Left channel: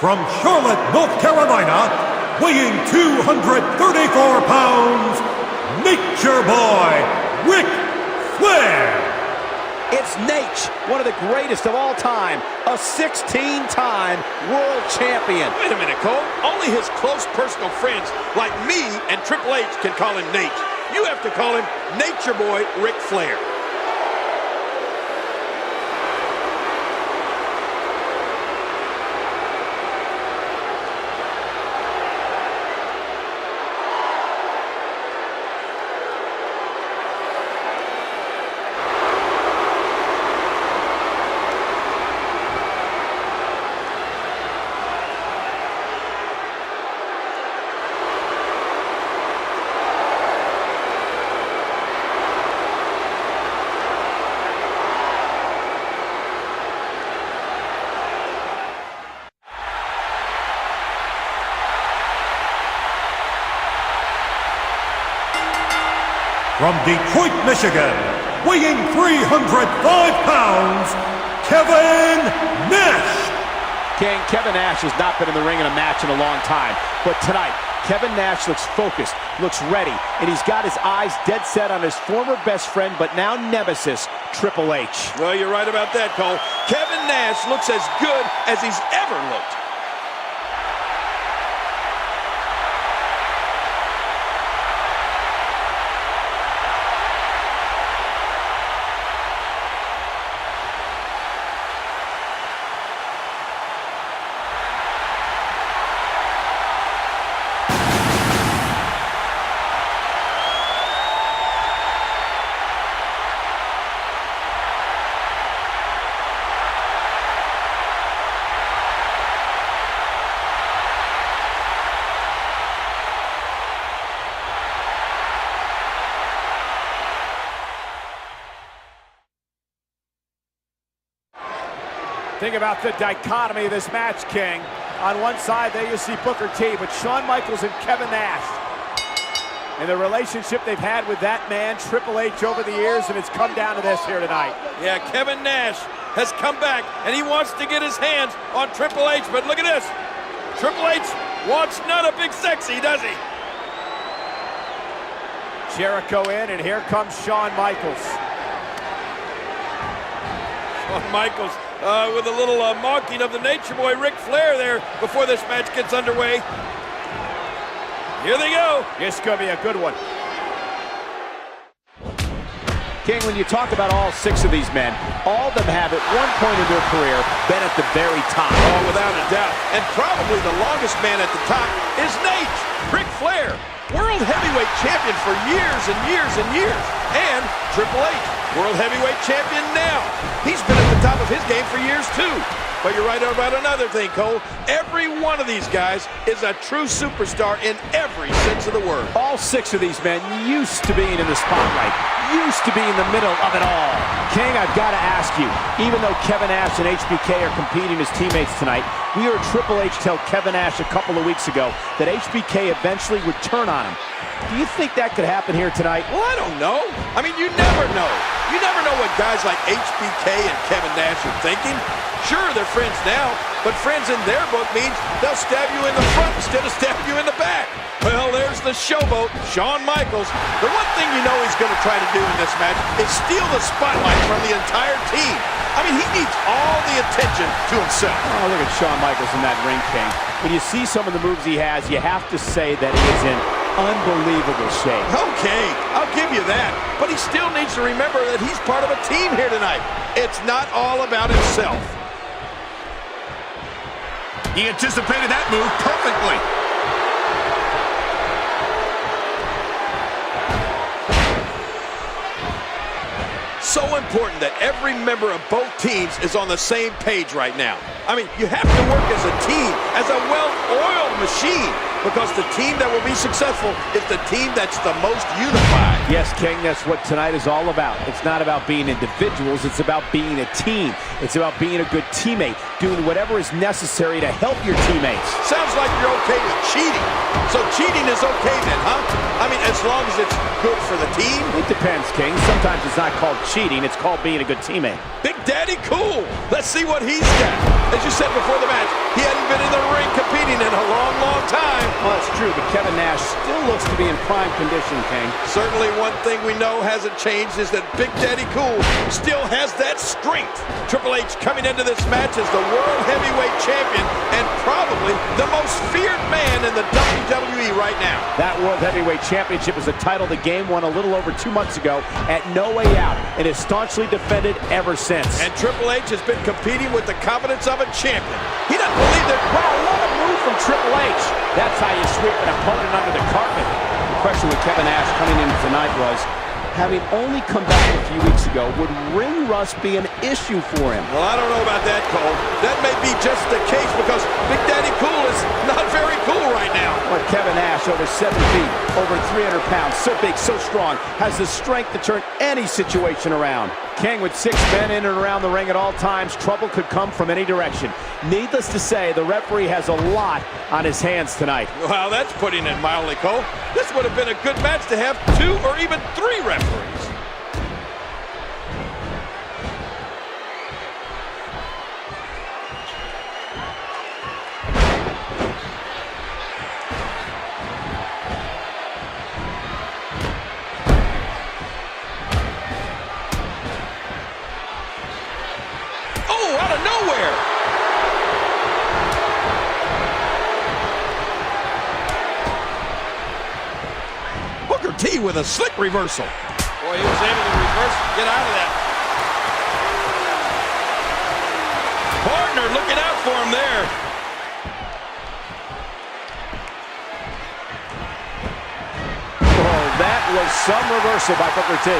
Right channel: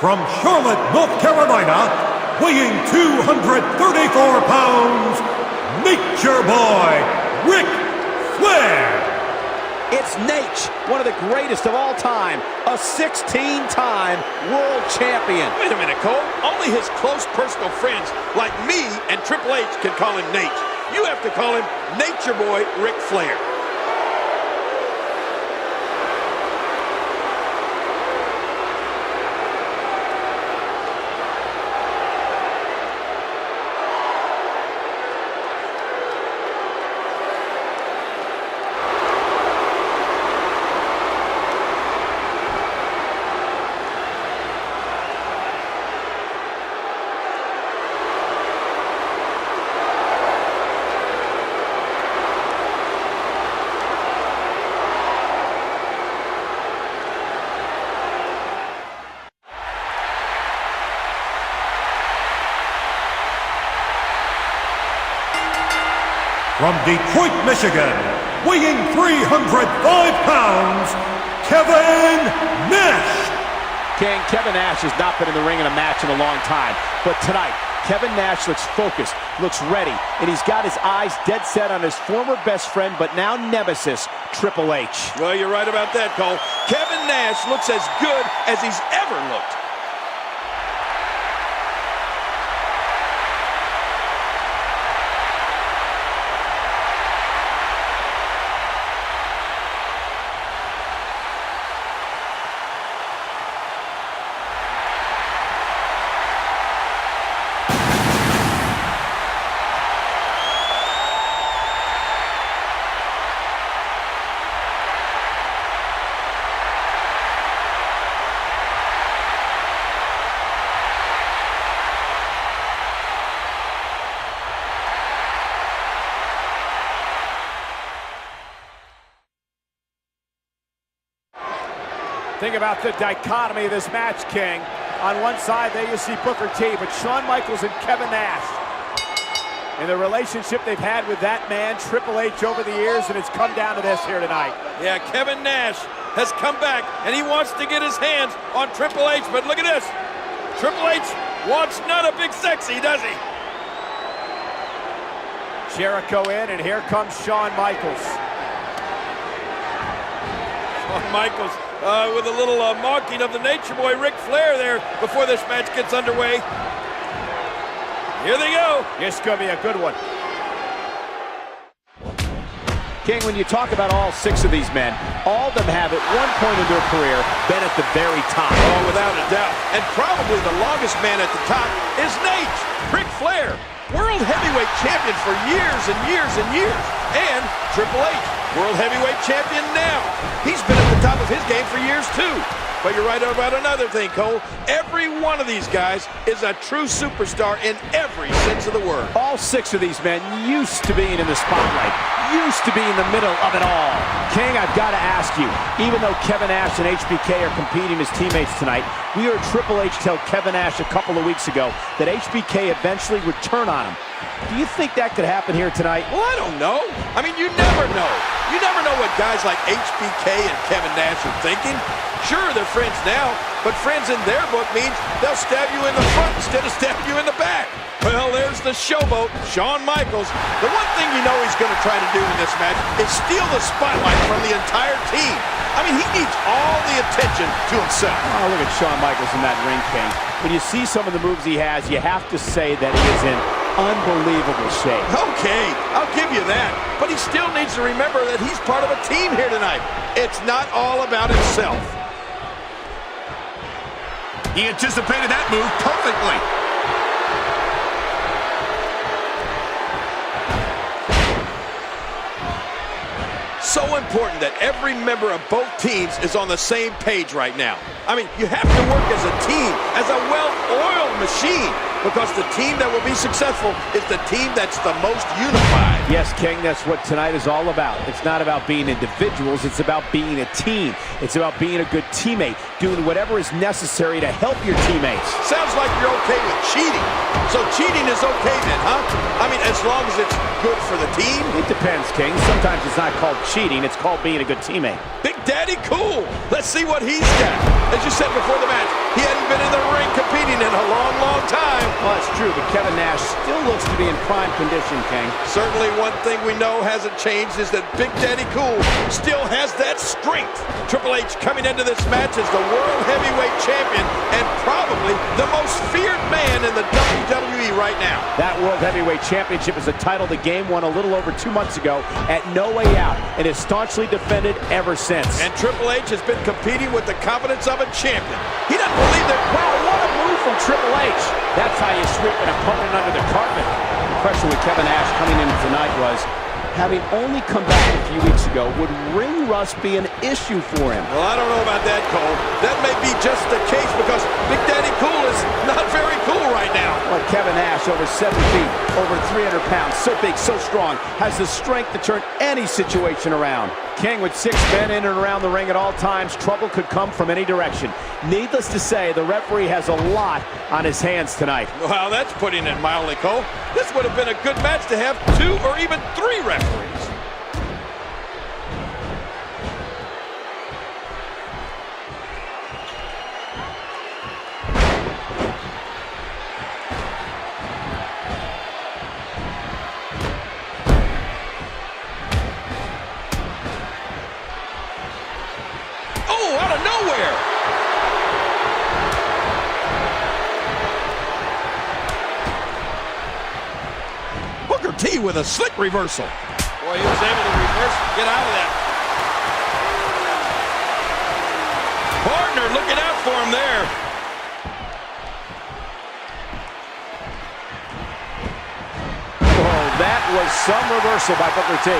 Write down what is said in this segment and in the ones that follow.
From Charlotte, North Carolina, weighing 234 pounds, Nature Boy, Ric Flair. It's Nash, one of the greatest of all time, a 16-time world champion. Wait a minute, Cole. Only his close personal friends like me and Triple H can call him Nash. You have to call him Nature Boy Ric Flair. From Detroit, Michigan, weighing 305 pounds, Kevin Nash. King, Kevin Nash has not been in the ring in a match in a long time, but tonight, Kevin Nash looks focused, looks ready, and he's got his eyes dead set on his former best friend, but now nemesis, Triple H. Well, you're right about that, Cole. Kevin Nash looks as good as he's ever looked. Think about the dichotomy of this match, King. On one side, there you see Booker T, but Shawn Michaels and Kevin Nash. And the relationship they've had with that man, Triple H, over the years, and it's come down to this here tonight. Yeah, Kevin Nash has come back, and he wants to get his hands on Triple H, but look at this. Triple H wants none of Big Sexy, does he? Jericho in, and here comes Shawn Michaels. Shawn Michaels with a little mocking of the Nature Boy Ric Flair there before this match gets underway. Here they go. This is going to be a good one. King, when you talk about all six of these men, all of them have at one point in their career been at the very top. Oh, without a doubt. And probably the longest man at the top is Nash, Ric Flair. World Heavyweight Champion for years and years and years. And Triple H, World Heavyweight Champion now. He's been at the top of his game for years too. But you're right about another thing, Cole. Every one of these guys is a true superstar in every sense of the word. All six of these men used to being in the spotlight, used to be in the middle of it all. King, I've got to ask you, even though Kevin Nash and HBK are competing as teammates tonight, we heard Triple H tell Kevin Nash a couple of weeks ago that HBK eventually would turn on him. Do you think that could happen here tonight? Well, I don't know. I mean, you never know. You never know what guys like HBK and Kevin Nash are thinking. Sure, they're friends now, but friends in their book means they'll stab you in the front instead of stabbing you in the back. Well, there's the showboat, Shawn Michaels. The one thing you know he's going to try to do in this match is steal the spotlight from the entire team. I mean, he needs all the attention to himself. Oh, look at Shawn Michaels in that ring, King. When you see some of the moves he has, you have to say that he is in unbelievable shape. Okay, I'll give you that. But he still needs to remember that he's part of a team here tonight. It's not all about himself. He anticipated that move perfectly. So important that every member of both teams is on the same page right now. I mean, you have to work as a team, as a well-oiled machine, because the team that will be successful is the team that's the most unified. Yes, King, that's what tonight is all about. It's not about being individuals, it's about being a team. It's about being a good teammate, doing whatever is necessary to help your teammates. Sounds like you're okay with cheating. So cheating is okay then, huh? I mean, as long as it's good for the team? It depends, King. Sometimes it's not called cheating, it's called being a good teammate. Big Daddy Cool. Let's see what he's got. As you said before the match, he hadn't been in the ring competing in a long, long time. Well, that's true, but Kevin Nash still looks to be in prime condition, King. Certainly one thing we know hasn't changed is that Big Daddy Cool still has that strength. Triple H coming into this match as the World Heavyweight Champion and probably the most feared man in the WWE right now. That World Heavyweight Championship is a title the game won a little over 2 months ago at No Way Out and is staunchly defended ever since. And Triple H has been competing with the confidence of a champion. He doesn't believe that. Wow, what a move from Triple H. That's how you sweep an opponent under the carpet. The question with Kevin Nash coming in tonight was, having only come back a few weeks ago, would ring rust be an issue for him? Well, I don't know about that, Cole. That may be just the case because Big Daddy Cool is not very cool right now. But Kevin Nash, over 7 feet, over 300 pounds, so big, so strong, has the strength to turn any situation around. King, with 6 men in and around the ring at all times, trouble could come from any direction. Needless to say, the referee has a lot on his hands tonight. Wow, that's putting it mildly, Cole. This would have been a good match to have 2 or even 3 referees. Oh, out of nowhere! Booker T with a slick reversal. Boy, he was able to reverse and get out of that. Partner looking out for him there. Oh, that was some reversal by Booker T.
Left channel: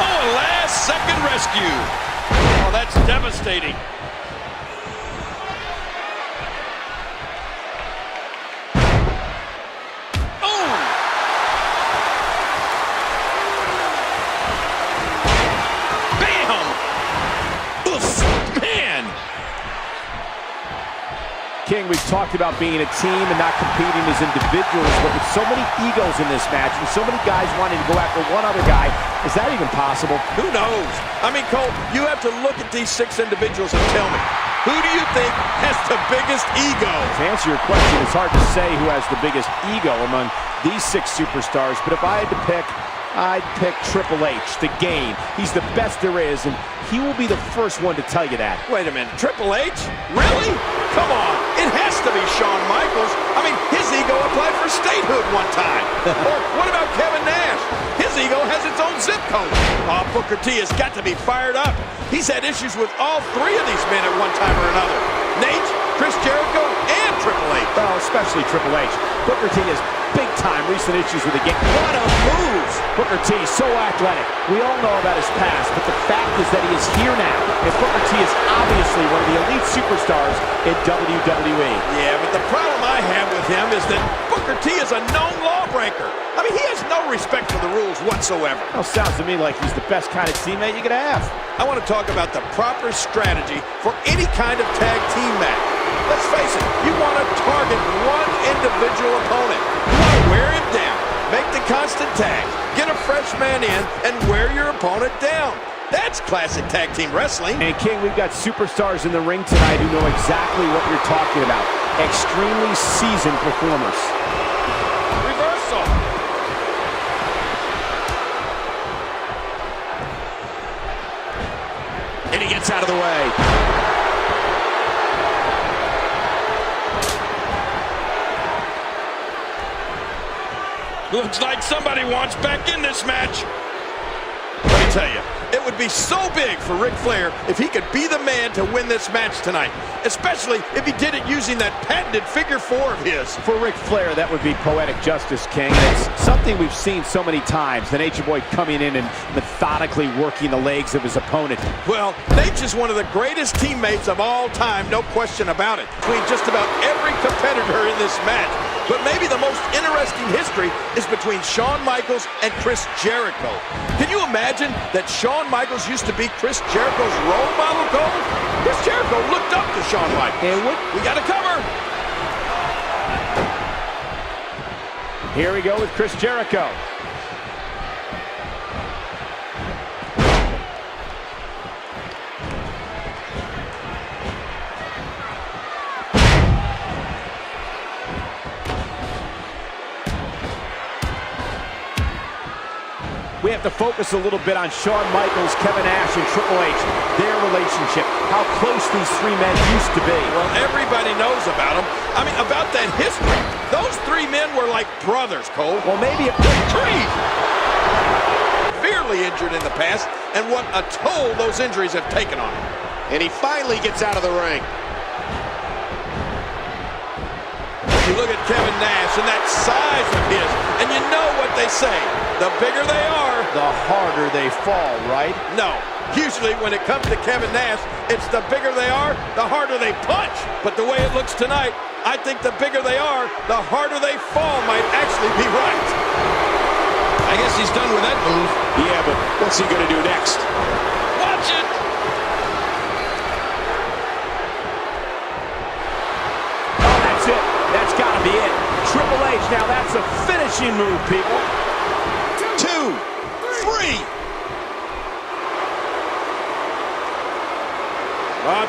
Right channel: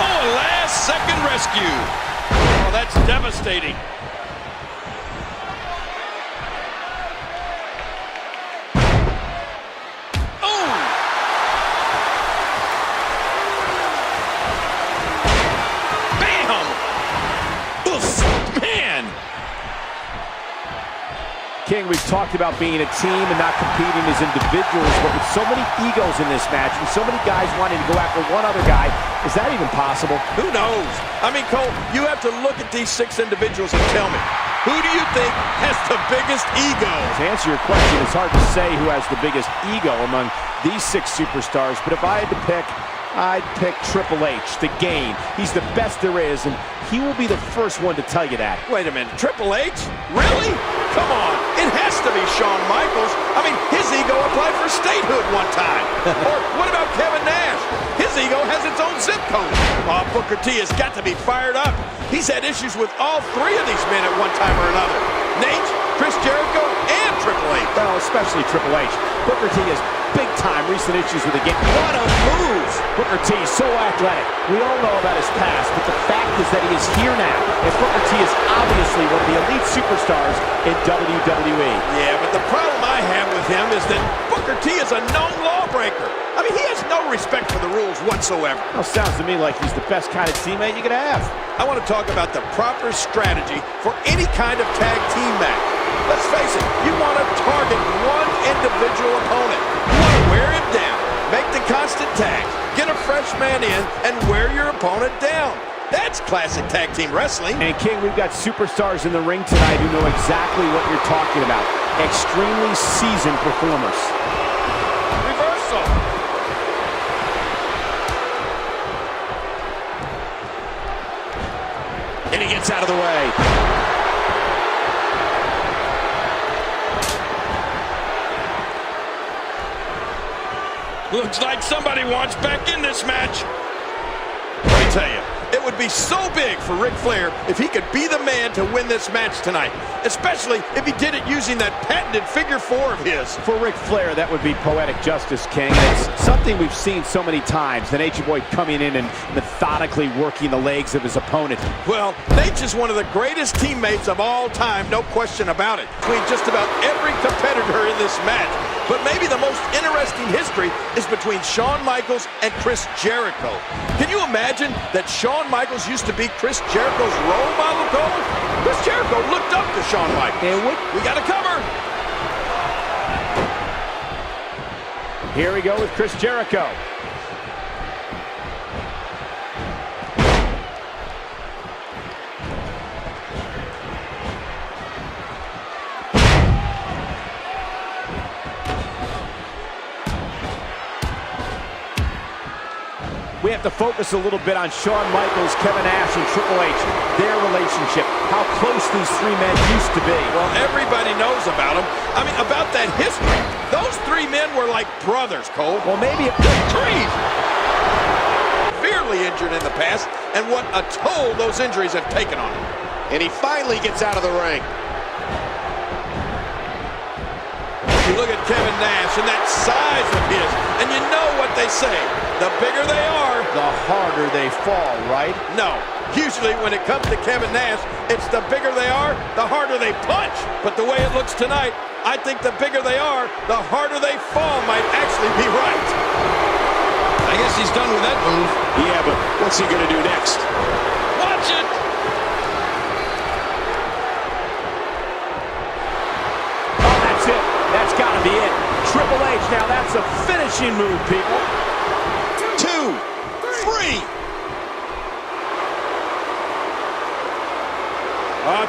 Oh, a last-second rescue. Oh, that's devastating. King, we've talked about being a team and not competing as individuals, but with so many egos in this match and so many guys wanting to go after one other guy, is that even possible? Who knows? I mean, Cole, you have to look at these 6 individuals and tell me, who do you think has the biggest ego? To answer your question, it's hard to say who has the biggest ego among these 6 superstars, but if I had to pick, I'd pick Triple H, the Game. He's the best there is, and he will be the first one to tell you that. Wait a minute, Triple H? Really? Come on, it has to be Shawn Michaels. I mean, his ego applied for statehood one time. Or what about Kevin Nash? His ego has its own zip code. Oh, Booker T has got to be fired up. He's had issues with all 3 of these men at one time or another. Nate, Chris Jericho, and Triple H. Well, especially Triple H. Booker T has big-time recent issues with the Game. What a move! Booker T, so athletic. We all know about his past, but the fact is that he is here now, and Booker T is obviously one of the elite superstars in WWE. Yeah, but the problem I have with him is that Booker T is a known lawbreaker. I mean, he has no respect for the rules whatsoever. Well, sounds to me like he's the best kind of teammate you could have. I want to talk about the proper strategy for any kind of tag team match. Let's face it, you want to target one individual opponent. You want to wear him down, make the constant tags, get a fresh man in, and wear your opponent down. That's classic tag team wrestling. And King, we've got superstars in the ring tonight who know exactly what you're talking about. Extremely seasoned performers. Reversal. And he gets out of the way. Looks like somebody wants back in this match. Let me tell you, it would be so big for Ric Flair if he could be the man to win this match tonight, especially if he did it using that patented figure 4 of his. For Ric Flair, that would be poetic justice, King. It's something we've seen so many times. The Nature Boy coming in and methodically working the legs of his opponent. Well, Nature is one of the greatest teammates of all time, no question about it, between just about every competitor in this match. But maybe the most interesting history is between Shawn Michaels and Chris Jericho. Can you imagine that Shawn Michaels used to be Chris Jericho's role model, Cole? Chris Jericho looked up to Shawn Michaels. And what? We got a cover. Here we go with Chris Jericho. We have to focus a little bit on Shawn Michaels, Kevin Nash, and Triple H. Their relationship, how close these three men used to be. Well, everybody knows about them. I mean, about that history. Those three men were like brothers, Cole. Well, maybe a grief. Severely injured in the past, and what a toll those injuries have taken on him. And he finally gets out of the ring. You look at Kevin Nash and that size of his, and you know what they say. The bigger they are, the harder they fall, right? No. Usually when it comes to Kevin Nash, it's the bigger they are, the harder they punch. But the way it looks tonight, I think the bigger they are, the harder they fall might actually be right. I guess he's done with that move. Yeah, but what's he going to do next? Watch it! Oh, that's it. That's got to be it. Triple H, now that's a finishing move, people. 2, 3.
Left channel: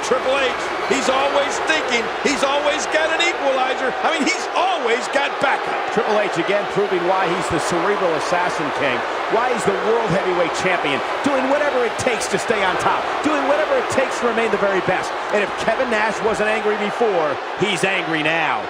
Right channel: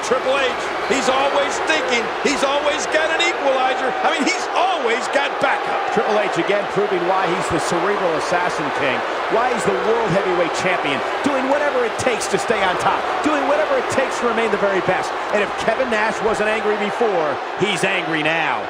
Triple H, he's always thinking. He's always got an equalizer. I mean, he's always got backup. Triple H again proving why he's the cerebral assassin king, why he's the world heavyweight champion, doing whatever it takes to stay on top, doing whatever it takes to remain the very best. And if Kevin Nash wasn't angry before, he's angry now.